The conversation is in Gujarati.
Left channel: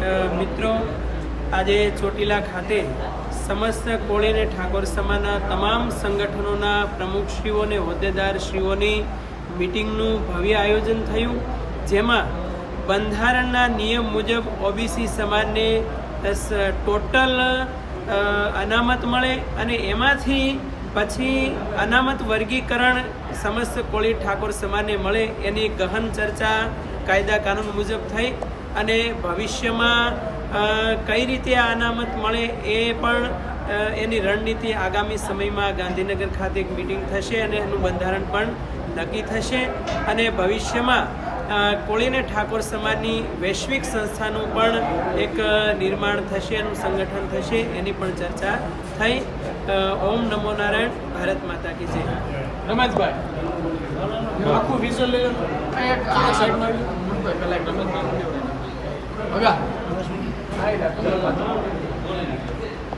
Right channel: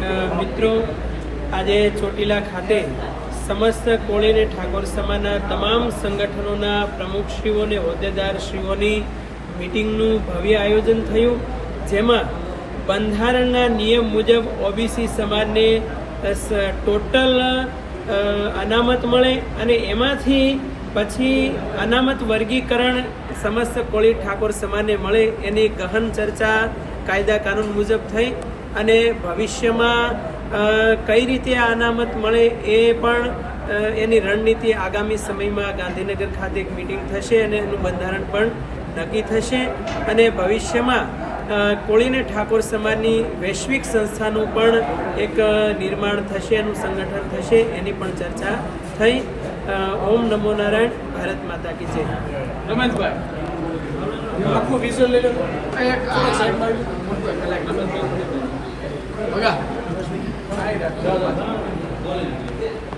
મિત્રો, આજે ચોટીલા ખાતે સમસ્ત કોળી અને ઠાકોર સમાજના તમામ સંગઠનોના પ્રમુખશ્રીઓ અને હોદ્દેદારશ્રીઓની મિટિંગનું ભવ્ય આયોજન થયું, જેમાં બંધારણના નિયમ મુજબ ઓબીસી સમાજને ટોટલ અનામત મળે અને એમાંથી પછી અનામત વર્ગીકરણ સમસ્ત કોળી ઠાકોર સમાજને મળે એની ગહન ચર્ચા કાયદા કાનૂન મુજબ થઈ અને ભવિષ્યમાં કઈ રીતે આ અનામત મળે એ પણ એની રણનીતિ આગામી સમયમાં ગાંધીનગર ખાતે એક મિટિંગ થશે અને એનું બંધારણ પણ નક્કી થશે અને ભવિષ્યમાં કોળી અને ઠાકોર સમાજની વૈશ્વિક સંસ્થાનું પણ એક નિર્માણ થશે, એનું સંગઠન થશે, એની પણ ચર્ચા થઈ. ઓમ નમો નારાયણ. ભારત માતા કી જય. રમેશભાઈ આખું વિઝ્યુઅલ લઈ લો. સાઈડમાં મુંબઈ પહેલા રમેશભાઈ